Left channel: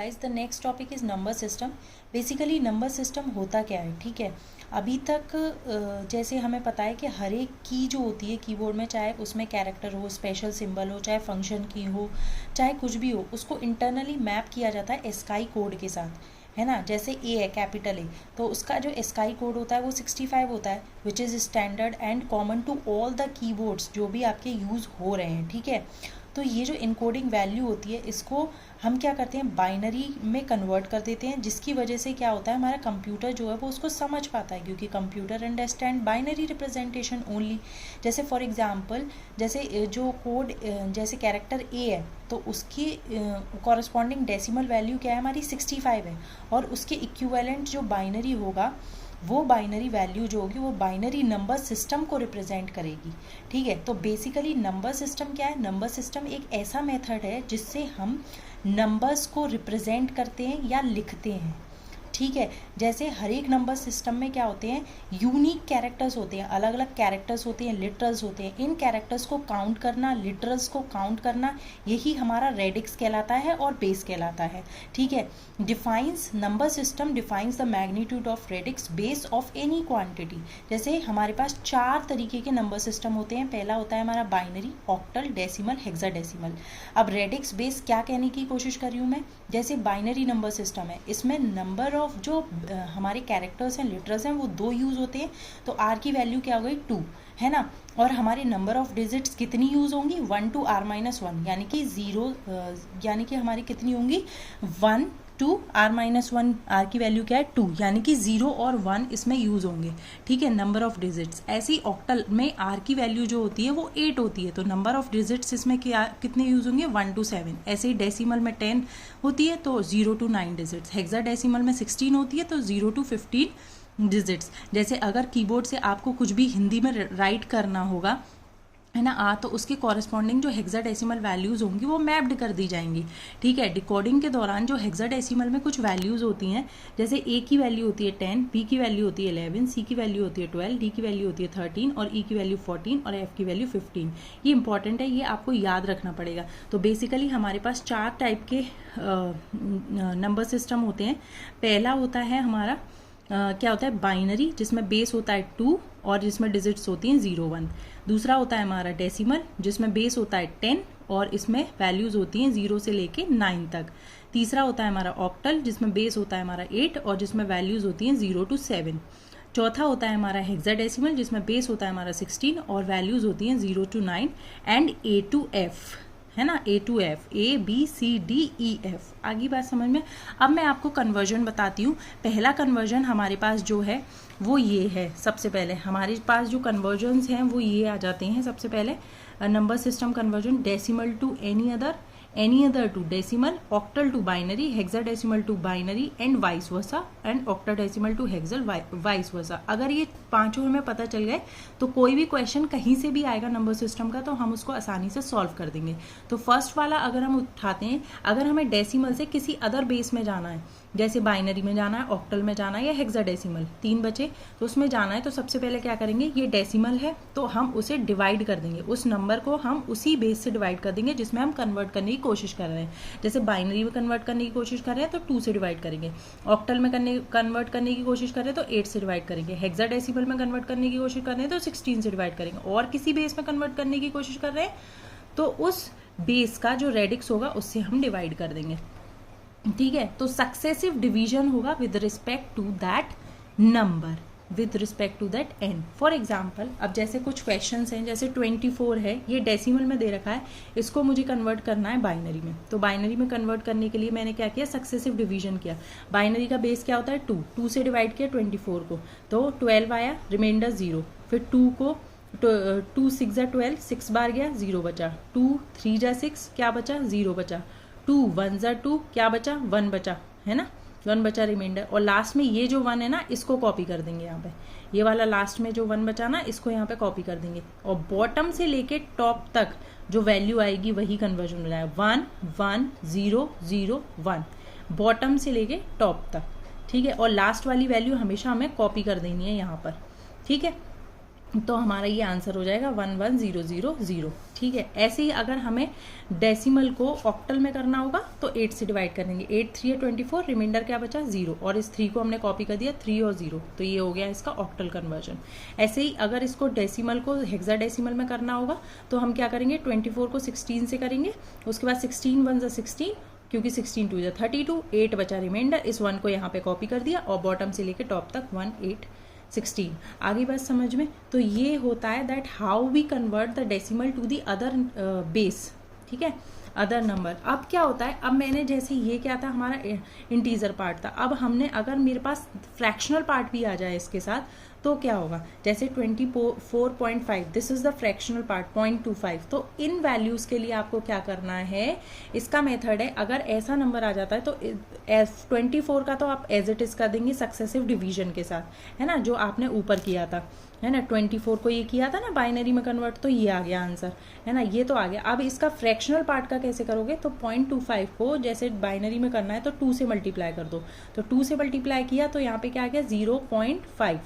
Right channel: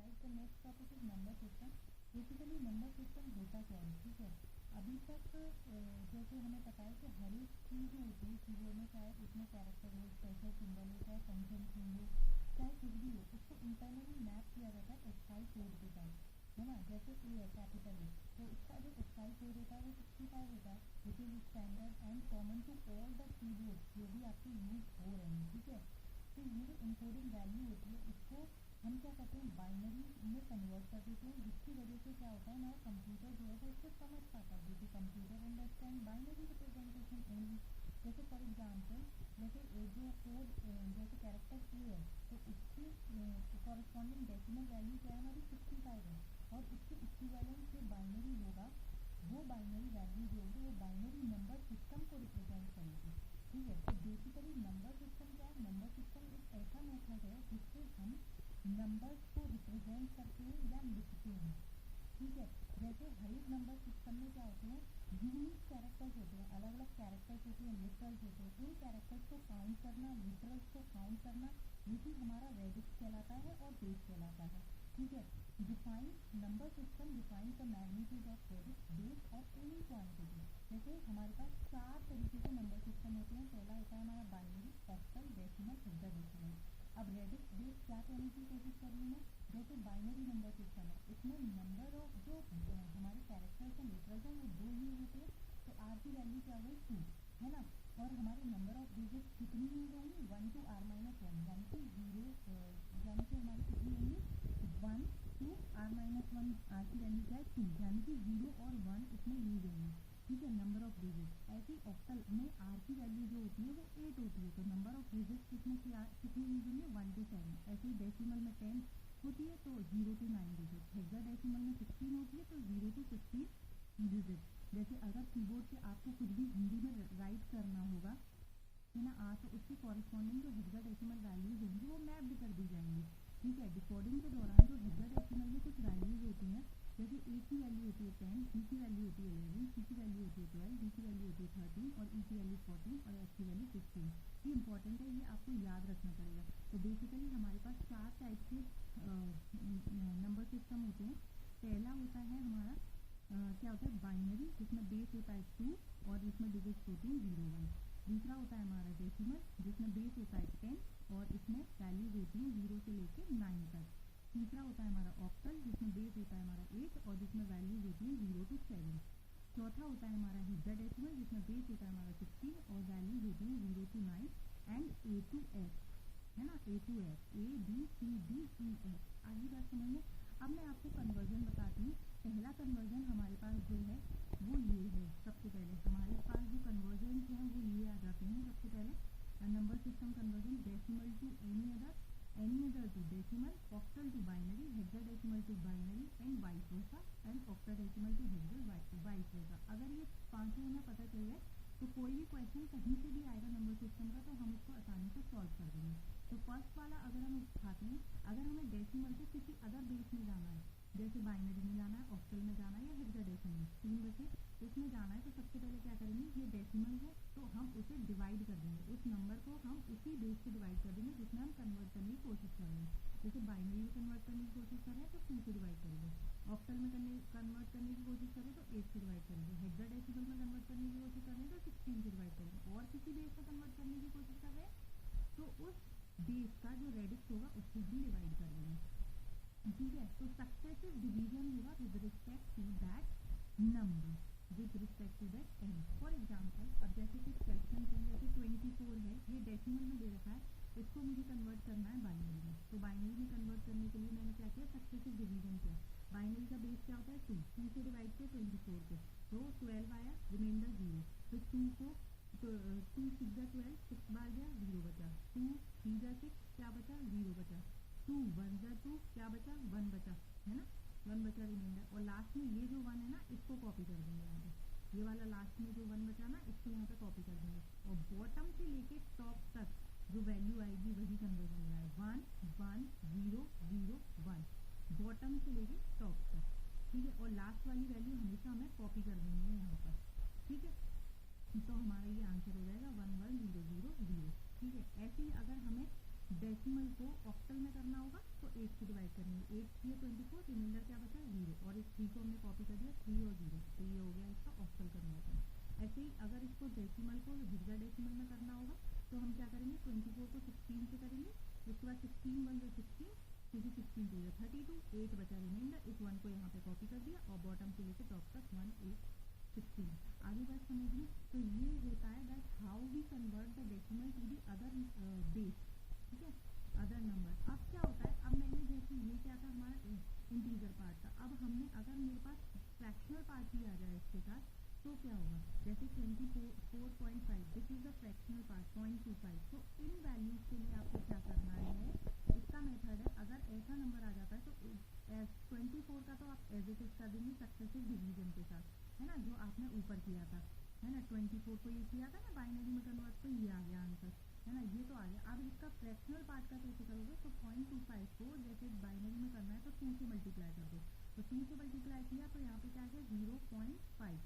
Guys, the next topic is number system. Basically number system होता क्या है, ठीक है। अभी तक जैसे हमें पता है कि हर एक की जो होती है कीबोर्ड में, चाहे उसमें कैरेक्टर हो, स्पेशल सिंबल हो, चाहे फंक्शन की हो, चाहे कुछ भी हो, उसको इंटरनली मैप किया जाता है एस्काई कोड के साथ, है ना। जैसे ए है, कैपिटल ए, तो उसका जो एस्काई कोड होता है वो 65 होता है, which is standard and common to all the keyboards जो भी आपके यूज़ हो रहे हैं, ठीक है। तो ये जो इनकोडिंग वैल्यू होती है, इसको हम क्या करते हैं, बाइनरी में कन्वर्ट कर देते हैं, जिसकी वजह से क्या होता है, हमारा कंप्यूटर जो है वो उसको समझ पाता है, क्योंकि computer understand binary representation only. जैसे फॉर एग्जांपल, जैसे जो कोड, जैसे कैरेक्टर ए है, तो उसकी कॉरस्पॉन्डिंग डेसिमल वैल्यू क्या है, हमारी 65 है, और उसके इक्विवेलेंट जो बाइनरी होगा, वो बाइनरी वैल्यू जो होगी वो बाइनरी नंबर सिस्टम को रिप्रेजेंट करेगी, ठीक है। तो बेसिकली नंबर सिस्टम क्या है, नंबर सिस्टम एक ऐसा मेथड है जिससे हम नंबर्स को रिप्रेजेंट करते हैं या लिखते हैं, ठीक है। जैसे हर एक नंबर सिस्टम में क्या होते हैं, यूनिक कैरेक्टर्स होते हैं, अलग अलग कैरेक्टर्स होते हैं, लिटरल्स होते हैं। इन कैरेक्टर्स को काउंट करना, लिटरल्स को काउंट करना, यही हमारा रेडिक्स कहलाता है और बेस कहलाता है, ठीक है। Defines number system defines the magnitude of radix base of any quantity. जैसे हमारे पास 4 तरीके के नंबर सिस्टम होते हैं। पहला होता है हमारा बाइनरी, ऑक्टल, डेसिमल, हेक्साडेसिमल। अब रेडिक्स बेस क्या कहने की कोशिश कर रही हूँ मैं, जैसे बाइनरी नंबर सिस्टम है, इसमें नंबर ऑफ जो हमारे कैरेक्टर्स हैं, लिटरल्स हैं, वो 2 यूज़ होते हैं। तो आर की वैल्यू क्या हो गई, 2, है ना। और हमारे नंबर ऑफ डिजिट्स कितनी यूज़ होंगी, 1 to r-1, यानी कि 0, यानी कि हमारी कितनी होंगी, 1 to r-1। आर की वैल्यू क्या है, 2, यानी कि 0 और 1 इसमें यूज़ होंगे, ठीक है, नंबर ऑफ डिजिट्स। ऐसे ही ऑक्टल में आर की वैल्यू जो होती है वो 8 होती है, तो नंबर ऑफ डिजिट्स इसमें क्या कितने यूज़ होंगे, 1 to 7। ऐसे ही डेसिमल में 10 होती है, तो 0 to 9 डिजिट्स। हेक्साडेसिमल में 16 होती है, तो 0 to 15 डिजिट्स। जैसे अगर कीबोर्ड से आपको कुछ भी हिंदी में राइट करना होगा, है ना, तो उसके कॉरेस्पॉन्डिंग जो हेक्साडेसिमल वैल्यूज़ होंगी वो मैप्ड कर दी जाएंगी, ठीक है। डिकोडिंग के दौरान जो हेक्साडेसिमल में कुछ वैल्यूज़ होती हैं, जैसे ए की वैल्यू होती है 10, बी की वैल्यू होती है 11, सी की वैल्यू होती है 12, डी की वैल्यू होती है 13, और ई की वैल्यू 14, और एफ की वैल्यू 15। ये इंपॉर्टेंट है, ये आपको याद रखना पड़ेगा। तो बेसिकली हमारे पास 4 टाइप के नंबर सिस्टम होते हैं। पहला होता है हमारा क्या होता है, बाइनरी, जिसमें बेस होता है 2 और जिसमें डिजिट्स होती हैं 0, 1। दूसरा होता है हमारा डेसिमल, जिसमें बेस होता है 10 और इसमें वैल्यूज़ होती हैं 0 से लेके 9 तक। तीसरा होता है हमारा ऑक्टल, जिसमें बेस होता है हमारा 8 और जिसमें वैल्यूज़ होती हैं 0 to 7। चौथा होता है हमारा हेक्साडेसिमल, जिसमें बेस होता है हमारा 16 और वैल्यूज़ होती हैं 0 to 9। And A to F, है ना, A to F, A B C D E F। आगे बात समझ में। अब मैं आपको कन्वर्जन बताती हूँ। पहला कन्वर्जन हमारे पास जो है वो ये है। सबसे पहले हमारे पास जो कन्वर्जन्स हैं वो ये आ जाते हैं। सबसे पहले number system conversion, decimal to any other to decimal, octal to binary, hexadecimal to binary, and vice versa, and octadecimal to hexal, vice versa. अगर ये पांचों हमें पता चल गए तो कोई भी क्वेश्चन कहीं से भी आएगा नंबर सिस्टम का, तो हम उसको आसानी से सॉल्व कर देंगे। तो फर्स्ट वाला अगर हम उठाते हैं, अगर हमें डेसिमल से किसी अदर बेस में जाना है, जैसे बाइनरी में जाना है, ऑक्टल में जाना है, या हेक्साडेसिमल, 3 बचे, तो उसमें जाना है, तो सबसे पहले क्या करेंगे, ये डेसिमल है तो हम उसे डिवाइड कर देंगे, उस नंबर को हम उसी बेस से डिवाइड कर देंगे जिसमें हम कन्वर्ट करने की कोशिश कर रहे हैं। जैसे बाइनरी में कन्वर्ट करने की कोशिश कर रहे हैं तो 2 से डिवाइड करेंगे, ऑक्टल में कन्वर्ट करने की कोशिश कर रहे हैं तो 8 से डिवाइड करेंगे, हेक्साडेसिमल में कन्वर्ट करने की कोशिश कर रहे हैं तो 16 से डिवाइड करेंगे, और किसी बेस में कन्वर्ट करने की कोशिश कर रहे हैं तो उस बेस का जो रेडिक्स होगा उससे हम डिवाइड कर देंगे, ठीक है। तो सक्सेसिव डिवीजन होगा with respect to that number, with respect to that N. For example, अब जैसे कुछ क्वेश्चंस हैं, जैसे 24 है, ये डेसिमल में दे रखा है, इसको मुझे कन्वर्ट करना है बाइनरी में। तो बाइनरी में कन्वर्ट करने के लिए मैंने क्या किया, सक्सेसिव डिवीजन किया। बाइनरी का बेस क्या होता है, 2 से डिवाइड किया 24 को, तो 12 आया, रिमाइंडर 0, फिर 2 को 2 6 जा 12, 6 बार गया, 0 बचा, 2 3 जा 6, क्या बचा, 0 बचा, 2 1 जा 2, क्या बचा, 1 बचा, है ना, 1 बचा रिमाइंडर। और लास्ट में ये जो 1 है ना, इसको कॉपी कर देंगे यहाँ पे, ये वाला लास्ट में जो 1 बचा ना, इसको यहाँ पे कॉपी कर देंगे, और बॉटम से लेके टॉप तक जो वैल्यू आएगी वही कन्वर्जन हो जाएगा, 1 1 0 0 1, बॉटम से लेके टॉप तक, ठीक है। और लास्ट वाली वैल्यू हमेशा हमें कॉपी कर देनी है यहाँ पर, ठीक है। तो हमारा ये आंसर हो जाएगा 11000। ठीक है। ऐसे ही अगर हमें डेसिमल को ऑक्टल में करना होगा तो 8 से डिवाइड करेंगे। 8 3 24, रिमाइंडर क्या बचा 0, और इस 3 को हमने कॉपी कर दिया 3 और 0, तो ये हो गया इसका ऑक्टल कन्वर्जन। ऐसे ही अगर इसको डेसिमल को हेक्साडेसिमल में करना होगा तो हम क्या करेंगे, 24 को 16 से करेंगे, उसके बाद 16 1 16, क्योंकि 16 2 32, 8 बचा रिमाइंडर, इस 1 को यहाँ पे कॉपी कर दिया और बॉटम से लेके टॉप तक 1 8 16। आगे बात समझ में। तो ये होता है that how we convert the decimal to the other base. ठीक है, अदर नंबर। अब क्या होता है, अब मैंने जैसे ये क्या था हमारा इंटीजर पार्ट था, अब हमने अगर मेरे पास फ्रैक्शनल पार्ट भी आ जाए इसके साथ तो क्या होगा, जैसे 24.5, this is the fractional part 0.25। तो इन वैल्यूज के लिए आपको क्या करना है, इसका मेथड है, अगर ऐसा नंबर आ जाता है तो 24 का तो आप एज इट इज कर देंगे सक्सेसिव डिवीजन के साथ, है ना, जो आपने ऊपर किया था, है ना। 24 को ये किया था ना बाइनरी में कन्वर्ट, तो ये आ गया आंसर, है ना, ये तो आ गया। अब इसका फ्रैक्शनल पार्ट का कैसे करोगे, तो 0.25 को जैसे बाइनरी में करना है तो 2 से मल्टीप्लाई कर दो, तो 2 से मल्टीप्लाई किया तो यहाँ पे क्या आ गया 0.5,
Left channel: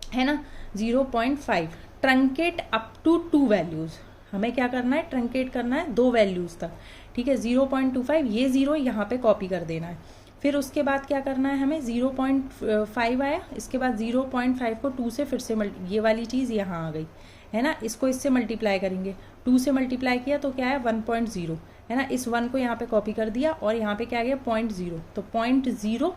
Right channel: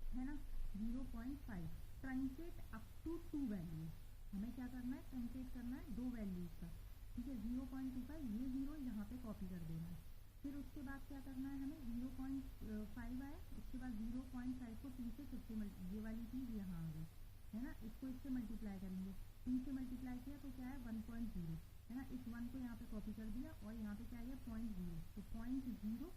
है ना, 0.5। ट्रंकेट अप टू 2 वैल्यूज, हमें क्या करना है, ट्रंकेट करना है 2 वैल्यूज तक। ठीक है, 0.25, ये 0 यहाँ पे कॉपी कर देना है। फिर उसके बाद क्या करना है हमें, 0.5 आया, इसके बाद 0.5 को 2 से फिर से ये वाली चीज़ यहाँ आ गई, है ना, इसको इससे मल्टीप्लाई करेंगे, 2 से मल्टीप्लाई किया तो क्या है 1.0, है ना, इस 1 को यहाँ पे कॉपी कर दिया और यहाँ पे क्या आ गया 0.0, तो 0.0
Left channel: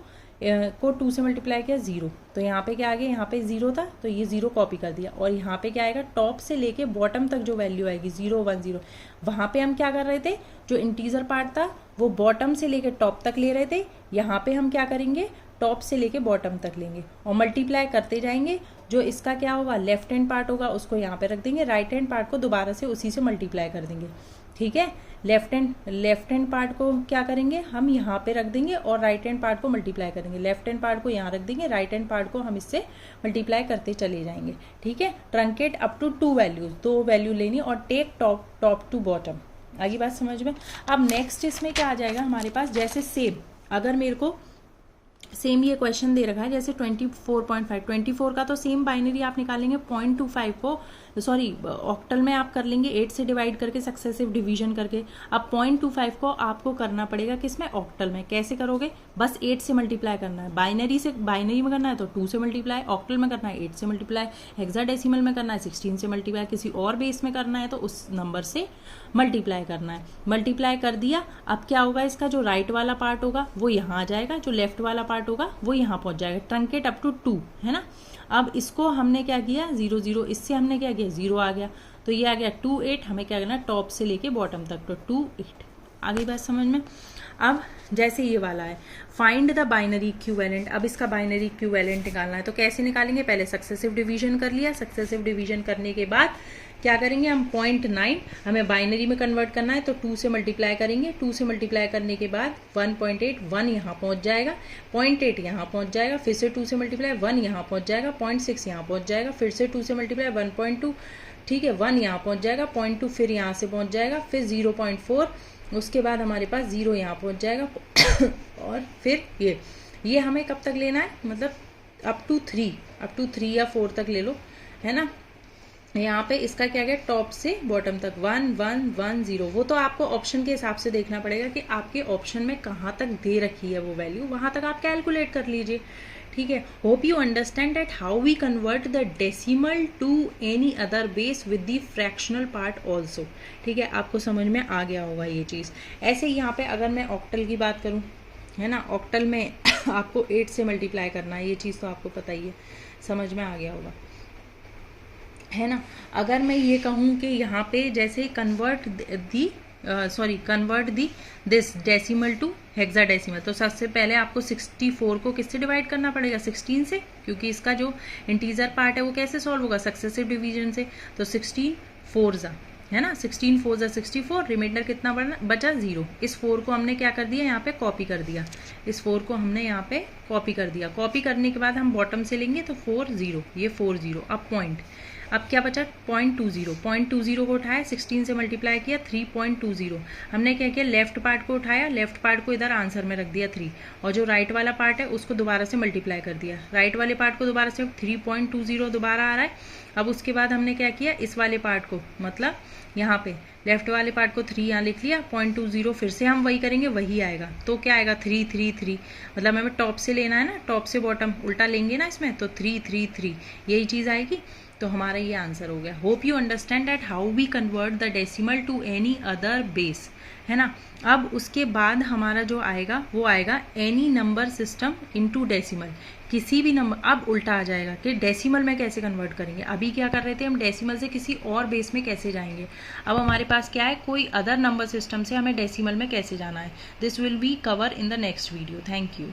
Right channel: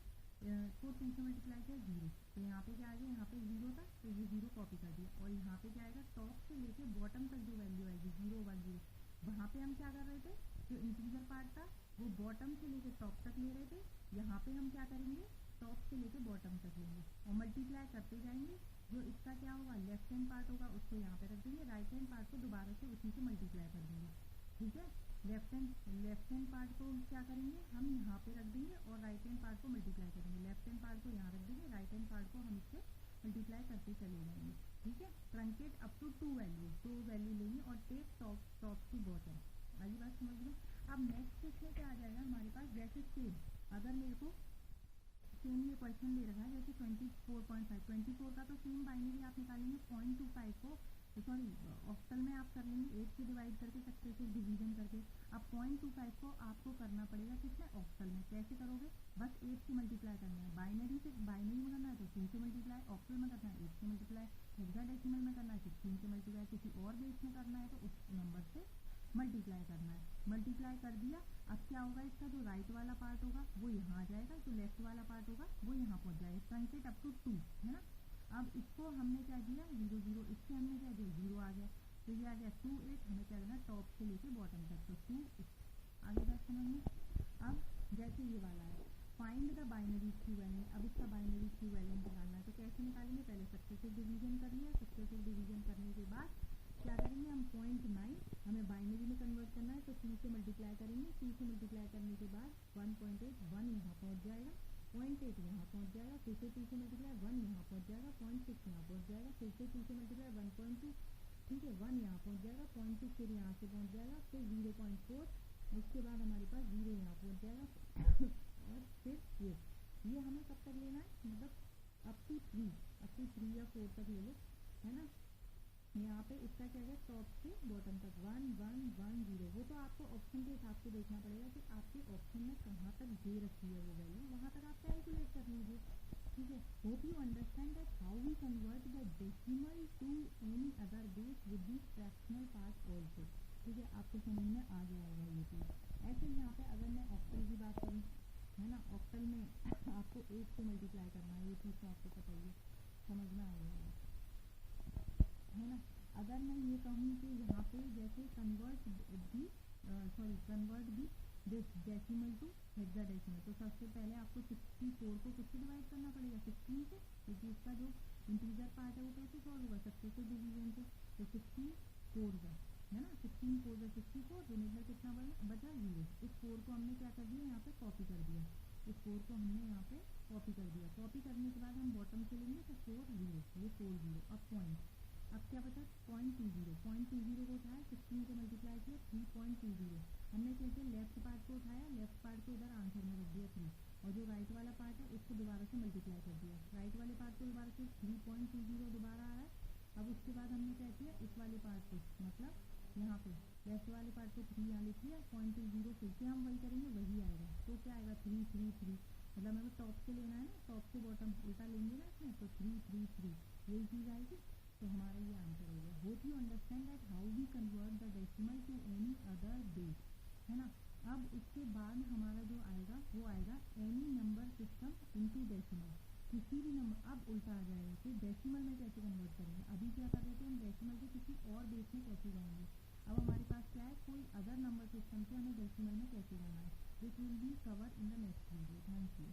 को 2 से मल्टीप्लाई किया 0, तो यहाँ पे क्या आ गया, यहाँ पे 0 था तो ये 0 कॉपी कर दिया, और यहाँ पे क्या आएगा, टॉप से लेके बॉटम तक जो वैल्यू आएगी 0 1 0, वहाँ पे हम क्या कर रहे थे, जो इंटीजर पार्ट था वो बॉटम से लेके टॉप तक ले रहे थे, यहाँ पे हम क्या करेंगे, टॉप से लेके बॉटम तक लेंगे और मल्टीप्लाई करते जाएंगे। जो इसका क्या होगा, लेफ्ट हैंड पार्ट होगा उसको यहाँ पे रख देंगे, राइट हैंड पार्ट को दोबारा से उसी से मल्टीप्लाई कर देंगे। ठीक है, लेफ्ट हैंड पार्ट को क्या करेंगे, हम यहाँ पे रख देंगे और राइट हैंड पार्ट को मल्टीप्लाई करेंगे, लेफ्ट हैंड पार्ट को यहाँ रख देंगे, राइट हैंड पार्ट को हम इससे मल्टीप्लाई करते चले जाएंगे। ठीक है, truncate up to 2 values, 2 value लेनी और टेक टॉप टू बॉटम। आगे बात समझ में। अब नेक्स्ट इसमें क्या आ जाएगा हमारे पास, जैसे सेम, अगर मेरे को सेम ये क्वेश्चन दे रखा है जैसे 24.5, 24 का तो सेम बाइनरी आप निकालेंगे, 0.25 को सॉरी ऑक्टल में आप कर लेंगे 8 से डिवाइड करके सक्सेसिव डिवीजन करके। अब 0.25 को आपको करना पड़ेगा किसमें, ऑक्टल में। कैसे करोगे, बस 8 से मल्टीप्लाई करना है, बाइनरी में करना है तो 2 से मल्टीप्लाई, ऑक्टल में करना है 8 से मल्टीप्लाई, हेक्साडेसिमल में करना है 16 से मल्टीप्लाई, किसी और बेस में करना है तो उस नंबर से मल्टीप्लाई करना है। मल्टीप्लाई कर दिया, अब क्या होगा, इसका जो राइट वाला पार्ट होगा वो यहाँ आ जाएगा, जो लेफ्ट वाला पार्ट होगा वो यहाँ पहुँच जाएगा। ट्रंकेट अप टू 2, है ना। अब इसको हमने क्या किया 0 0, इससे हमने क्या किया 0 आ गया, तो ये आ गया 2 8, हमें क्या करना है टॉप से लेके बॉटम तक, तो 2 8। आगे बात समझ में। अब जैसे ये वाला है, फाइंड द बाइनरी इक्विवेलेंट। अब इसका बाइनरी इक्विवेलेंट निकालना है, तो कैसे निकालेंगे, पहले सक्सेसिव डिवीजन कर लिया, सक्सेसिव डिवीजन करने के बाद क्या करेंगे हम, 0.9 हमें बाइनरी में कन्वर्ट करना है तो 2 से मल्टीप्लाई करेंगे, 2 से मल्टीप्लाई करने के बाद 1.8, 1 यहाँ पहुँच जाएगा, 0.8 यहाँ पहुँच जाएगा, फिर से 2 से मल्टीप्लाई 1 यहाँ पहुँच जाएगा, 0.6 यहाँ पहुँच जाएगा, फिर से 2 से मल्टीप्लाई 1.2, ठीक है, 1 यहाँ पहुँच जाएगा, 0.2 फिर यहाँ से पहुँच जाएगा, फिर 0.4, उसके बाद हमारे पास 0 यहाँ पहुँच जाएगा और फिर ये हमें कब तक लेना है, मतलब अप टू 3 या 4 तक ले लो, है ना। यहाँ पे इसका क्या गया, टॉप से बॉटम तक 1 1 1 0, वो तो आपको ऑप्शन के हिसाब से देखना पड़ेगा कि आपके ऑप्शन में कहाँ तक दे रखी है वो वैल्यू, वहाँ तक आप कैलकुलेट कर लीजिए। ठीक है, hope you understand that how we convert the decimal to any other base with the fractional part also. ठीक है, आपको समझ में आ गया होगा ये चीज़। ऐसे ही यहाँ पे अगर मैं ऑक्टल की बात करूँ, है ना, ऑक्टल में आपको 8 से मल्टीप्लाई करना है, ये चीज़ तो आपको पता ही है, समझ में आ गया होगा, है ना। अगर मैं ये कहूँ कि यहाँ पे जैसे convert the this decimal to hexadecimal, तो सबसे पहले आपको 64 को किससे डिवाइड करना पड़ेगा, 16 से, क्योंकि इसका जो इंटीजर पार्ट है वो कैसे सॉल्व होगा, सक्सेसिव डिवीजन से। तो 16 4 ज़ा, है ना, 16 4 ज़ा 64, रिमाइंडर कितना बचा 0। इस 4 को हमने क्या कर दिया, यहाँ पे कॉपी कर दिया, इस 4 को हमने यहाँ पे कॉपी कर दिया। कॉपी करने के बाद हम बॉटम से लेंगे तो 4 0, ये 4 0। अब पॉइंट, अब क्या बचा 0.20, 0.20 को उठाया 16 से मल्टीप्लाई किया 3.20। हमने क्या किया लेफ्ट पार्ट को उठाया, लेफ्ट पार्ट को इधर आंसर में रख दिया 3, और जो राइट वाला पार्ट है उसको दोबारा से मल्टीप्लाई कर दिया, राइट वाले पार्ट को दोबारा से 3.20 दोबारा आ रहा है। अब उसके बाद हमने क्या किया इस वाले पार्ट को, मतलब यहाँ पे लेफ्ट वाले पार्ट को 3 यहाँ लिख लिया, 0.20 फिर से हम वही करेंगे वही आएगा, तो क्या आएगा 3 3 3, मतलब हमें टॉप से लेना है ना, टॉप से बॉटम उल्टा लेंगे ना इसमें, तो 3 3 3 यही चीज़ आएगी। तो हमारा ये आंसर हो गया। Hope you understand that how we convert the decimal to any other base, है ना। अब उसके बाद हमारा जो आएगा वो आएगा any number system into decimal, किसी भी नंबर, अब उल्टा आ जाएगा कि डेसिमल में कैसे कन्वर्ट करेंगे। अभी क्या कर रहे थे हम, डेसिमल से किसी और बेस में कैसे जाएंगे। अब हमारे पास क्या है, कोई अदर नंबर सिस्टम से हमें डेसिमल में कैसे जाना है। This will be cover in the next video. Thank you.